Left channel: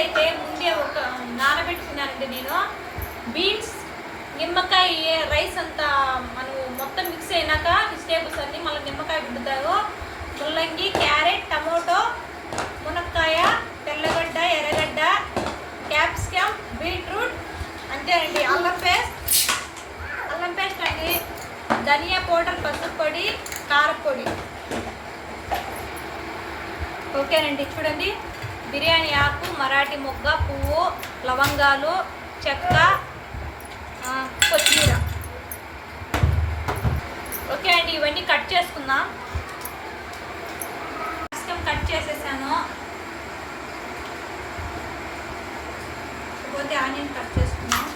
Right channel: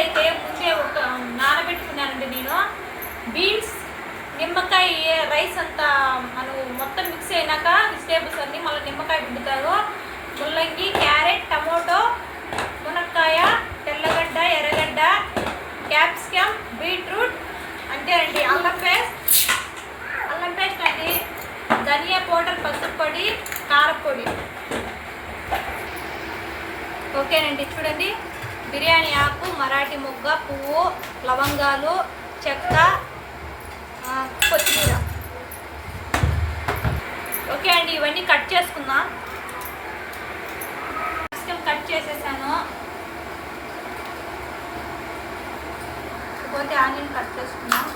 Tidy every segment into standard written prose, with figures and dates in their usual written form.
అయితే ముందే ఒక నానబెట్టుకున్నానండి నేను. బీన్స్, నిమ్మకాయ, రైస్ అంతా మనం మొత్తం మిక్స్ అయినాక వెజిటేబుల్స్ అన్నీ మళ్ళీ నిమ్మకాయ పిండుతారు. ముల్లంగి, క్యారెట్, టమోటో, మునక్కాయ, తెల్లగడ్డ, ఎర్రగడ్డ, క్యాప్సికమ్, బీట్రూట్, అంతేనండి. అల్లం పేస్ట్ అండి, ధనియా పౌడర్, పసుపు పొడి, కారపొడి. ఓకేనండి. చూడండి, బిర్యానీ ఆకు, మరాఠీ మొగ్గ, పువ్వు, లవంగాలు, చెక్క, కొత్తిమీర. ఓకే అండి, ఇవన్నీ కట్ చేసుకుందాం. కట్ చేసేసాను. పోతే ఆనియన్ కట్ చేసుకుందాం.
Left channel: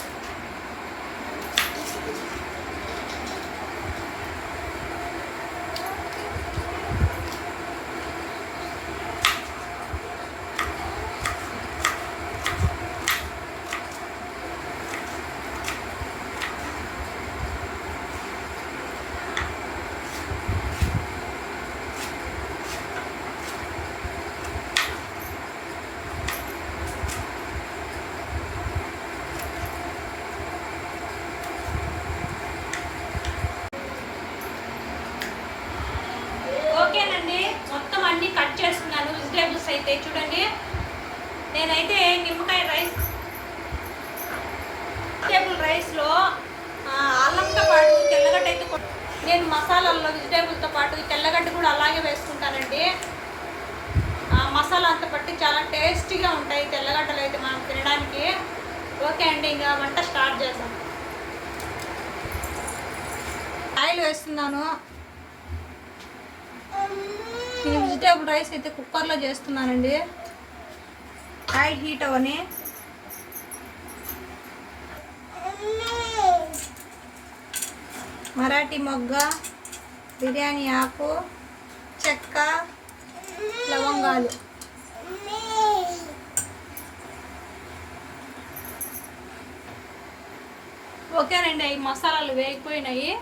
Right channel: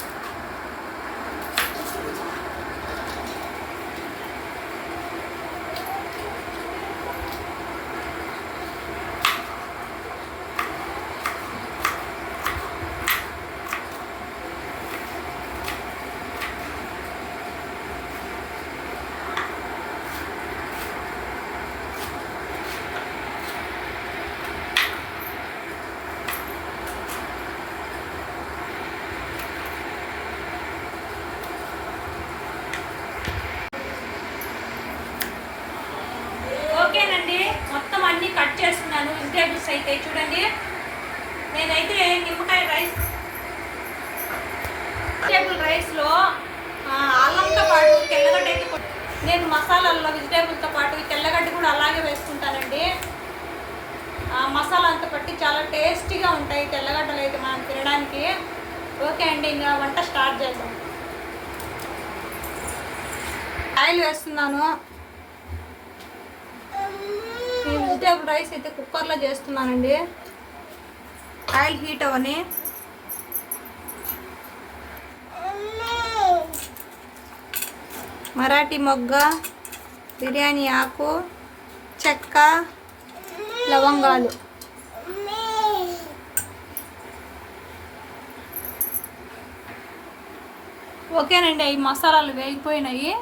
ఓకేనండి, మొత్తం అన్నీ కట్ చేస్తున్నాను. వెజిటేబుల్స్ అయితే చూడండి, నేనైతే నిమ్మకాయ వెజిటేబుల్ రైస్లో అల్లంతో పాటు తెల్లగడ్డ అయితే నేను మసాలాల్లో వెజిటేబుల్తో పాటు తెల్లగడ్డ కూడా అలాగే వేసుకుంటానండి. మసాలా అంతా పట్టి చాలా టేస్టీగా ఉంటాయి తెల్లగడ్డలు అయితే మనం తినడానికి. ఓకే అండి, ఇంకా వంట స్టార్ట్ చేద్దాం. ఆయిల్ వేస్తున్నాను. ఈ వెజిటేబుల్ రైస్ అయితే కుక్కర్లో చేస్తున్నానండి. ఆయిల్ హీట్ అవని మరాఠీ మొగ్గ, బిర్యానీ ఆకు, చెక్క, లవంగాలు. ఓకేనండి, ఈ మసాలాలు వేగిపోయినాయి.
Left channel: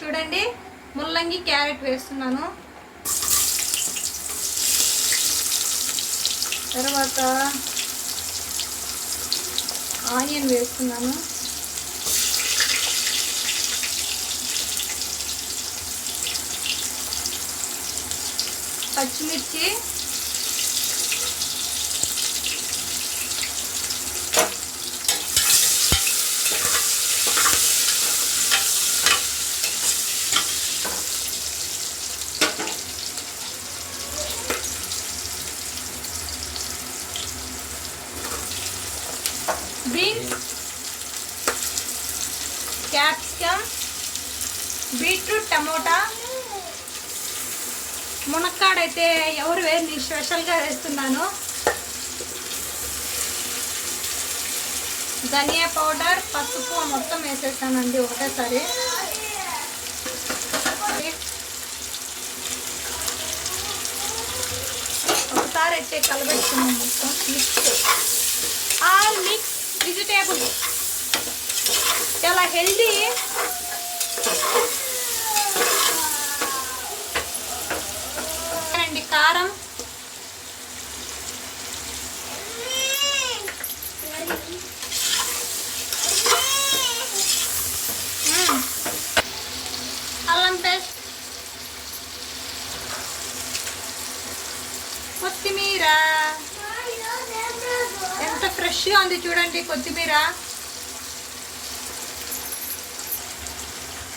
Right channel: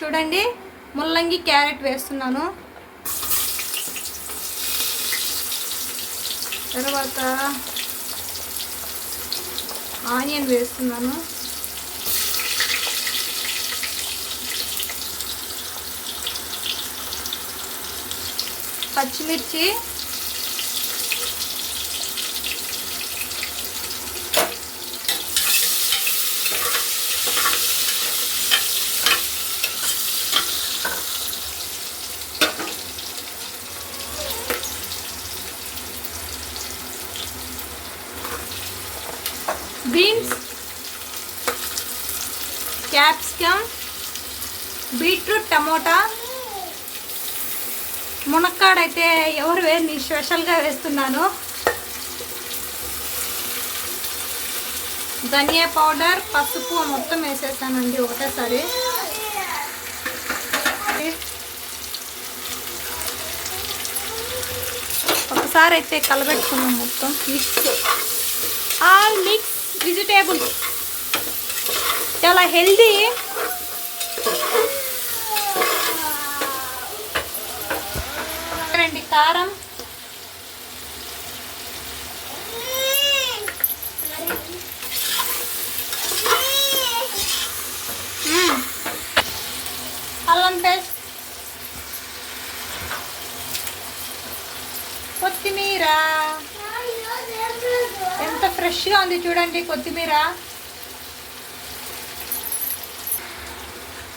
చూడండి, ముల్లంగి, క్యారెట్ వేస్తున్నాను. తర్వాత ఆనియన్ వేస్తున్నాను. పచ్చిమిర్చి, బీన్స్, క్యాప్సికమ్, బీట్రూట్, టమోటా, మునక్కాడైతే ఎవరు నేను స్పెషల్గా వేస్తున్నాను. ధనియా పౌడర్, పసుపు మొత్తం వేసేసానండి ఒకటేసారి. ఒకసారి అయితే కలబెట్టుకున్నాం మొత్తం. ఆల్ మిక్స్ వెజిటేబుల్స్ చాలా హెల్దీ. అండి కారం, అల్లం పేస్ట్, కొత్తిమీర. ఎంత ఫ్రెష్గా ఉంది చూడండి కొత్తిమీర.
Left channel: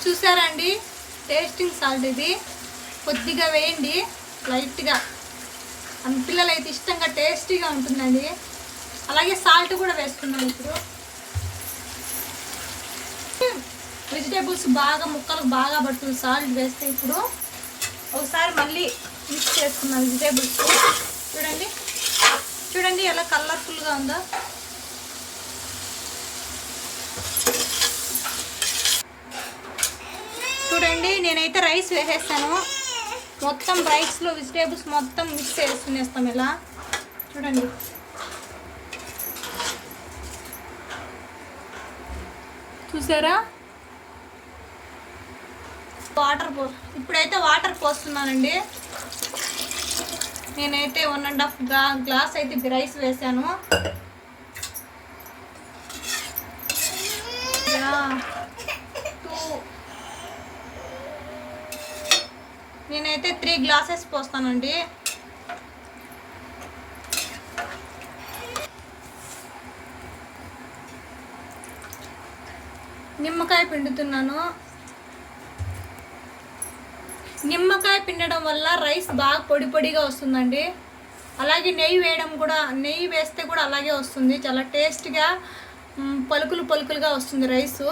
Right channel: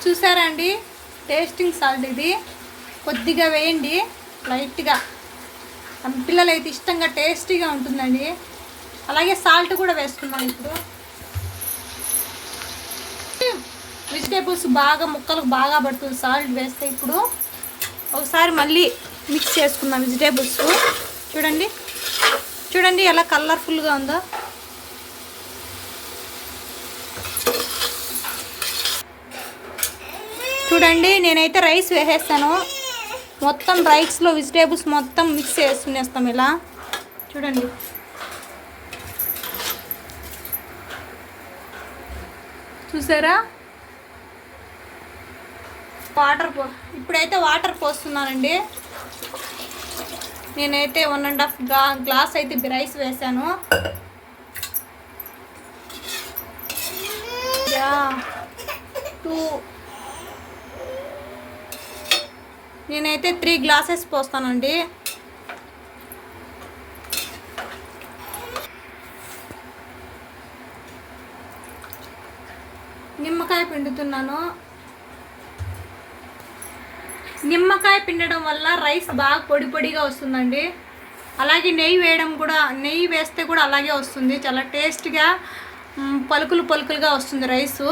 చూసారండి, టేస్టింగ్ సాల్ట్ ఇది కొద్దిగా వేయండి లైట్గా. పిల్లలు అయితే ఇష్టంగా టేస్టీగా ఉంటుందండి. అలాగే సాల్ట్ కూడా వేసుకున్నాం. ఇప్పుడు వెజిటేబుల్స్ బాగా ముక్కలకు బాగా పడుతుంది సాల్ట్ వేస్తే. ఇప్పుడు ఒకసారి మళ్ళీ మిక్స్ చేసుకున్నాం వెజిటేబుల్స్. చూడండి చూడండి ఎలా కలర్ఫుల్గా ఉందో. చూడండి, నేనైతే రైస్ వేసేస్తాను. మొత్తం రైస్లో వెజిటేబుల్స్ మొత్తం మిక్స్ చేసుకునేస్తాం ఇలా. చూడండి, చూసారా? ఇప్పుడైతే వాటర్ పోస్తున్నానండి. నేనైతే 1.5 గ్లాస్ అయితే రైస్ వేసాను. 2 నేనైతే 3 గ్లాసెస్ పోస్తానండి. నిమ్మకాయ పిండుతున్నాను. నిమ్మకాయ పిండడం వల్ల రైస్ బాగా పొడి పొడిగా వస్తుందండి. అలాగే నెయ్యి వేస్తే కూడా అలాగే వస్తుంది. చాలా టేస్ట్గా పలుకులుగా వస్తుంది రైసు.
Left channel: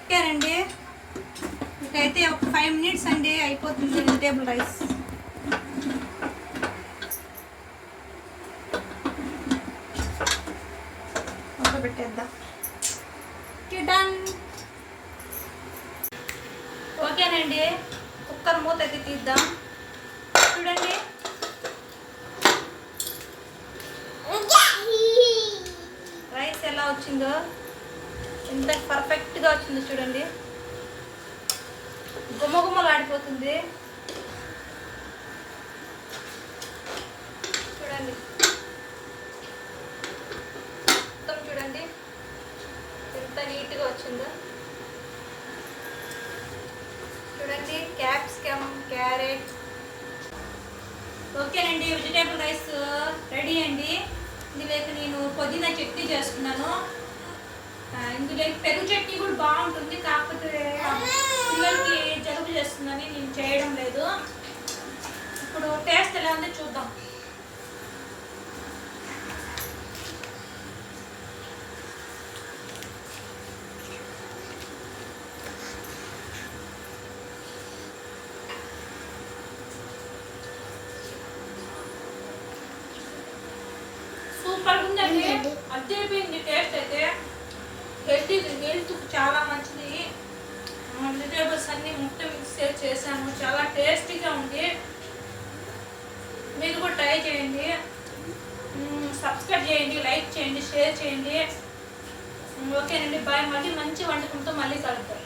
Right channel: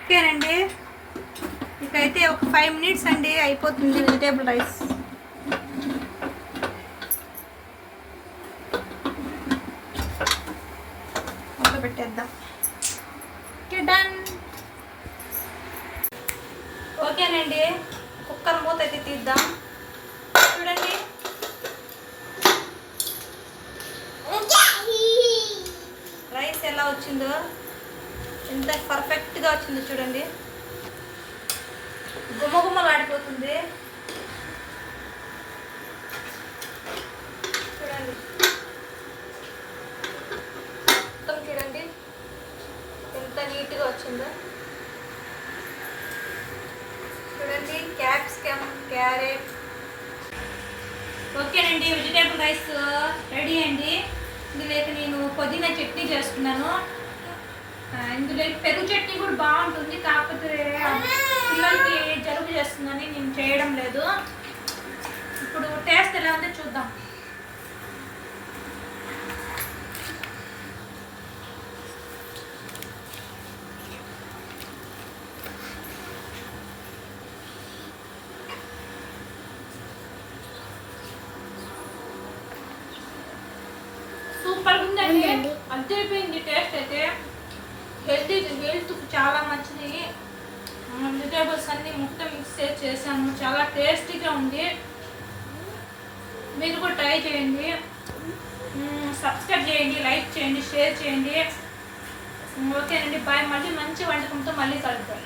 ఓకేనండి, ఇకైతే ఒక 5 మినిట్స్ అండి అయిపోతుంది వెజిటేబుల్ రైస్. పెట్టేద్దాం. డన్. ఓకేనండి, కుక్కర్ మూత అయితే తీద్దాం. చూడండి రైస్ ఎలా వచ్చిందో, ఎంత పర్ఫెక్ట్గా వచ్చిందో చూడండి. గుమ్మలాడిపోతుంది. చూడండి మొత్తం చూడండి ఎంత నీట్గా వచ్చిందో. చూడండి క్యాప్సికమ్, క్యారెట్. ఓకేనండి, వెజిటేబుల్ రైస్ రెడీ అండి. ఇందులోకి నేను పుదీనా చట్నీ చేసుకున్నాను. ఇందులో పెరుగు చట్నీ కూడా బాగుంటుంది. కాకపోతే పిల్లలకి జలుబు చేస్తుందని నేను చేయడం లేదు. ఇప్పుడు టేస్ట్ ఎలా ఉందో చూద్దాం. సూపర్ ఉందండి, అద్దరిపోయింది. టేస్ట్ అయితే హెల్త్ చాలా మంచిది. వెజిటేబుల్స్ అన్ని ముక్క మిక్స్ చేశాను. చాలా టేస్టీగా ఉంది. మీరు కూడా ట్రై చేయండి. సబ్స్క్రైబ్ చేయండి, లైక్ చేయండి, షేర్ చేయండి. ఓకేనండి, బాయ్. మళ్ళీ మంచి వంటకంతో మళ్ళీ కలుద్దాం.